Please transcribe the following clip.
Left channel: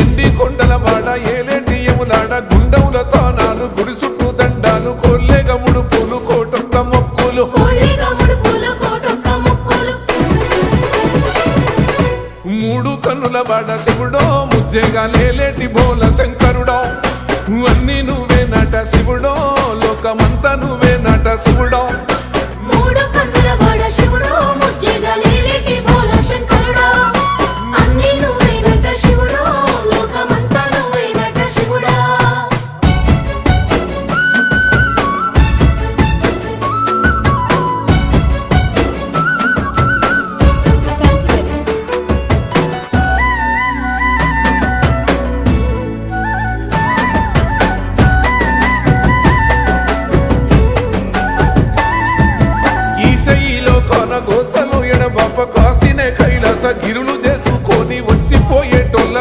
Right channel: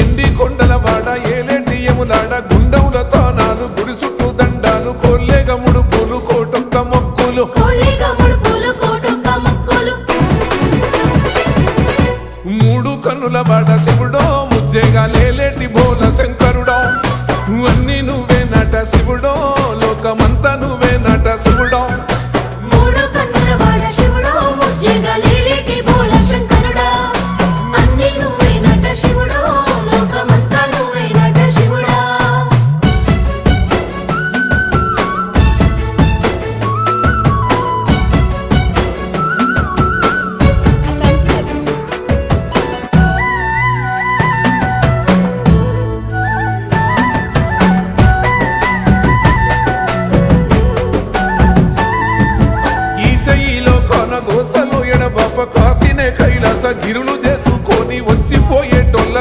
ఎండి కొండలవాడ ఏలేటి యములాడ గుండముల తానాలు గుడి చుట్టూ దండాలు కొల్లేగ ముడుపులు కోటొక్క మొక్కులు మూడు కన్నుల బాట శివుడో ముజ్జేగా లేలేటి బోల శంకరుడో అన్ని నువ్వే నట శివుడో లోకమంతా నువ్వే నట శివుడో ఈశయిలో కొనగోసలు ఎడబాప కాసినే కైలాస గిరులు చేసుకొని వచ్చిపోయేటోళ్ళ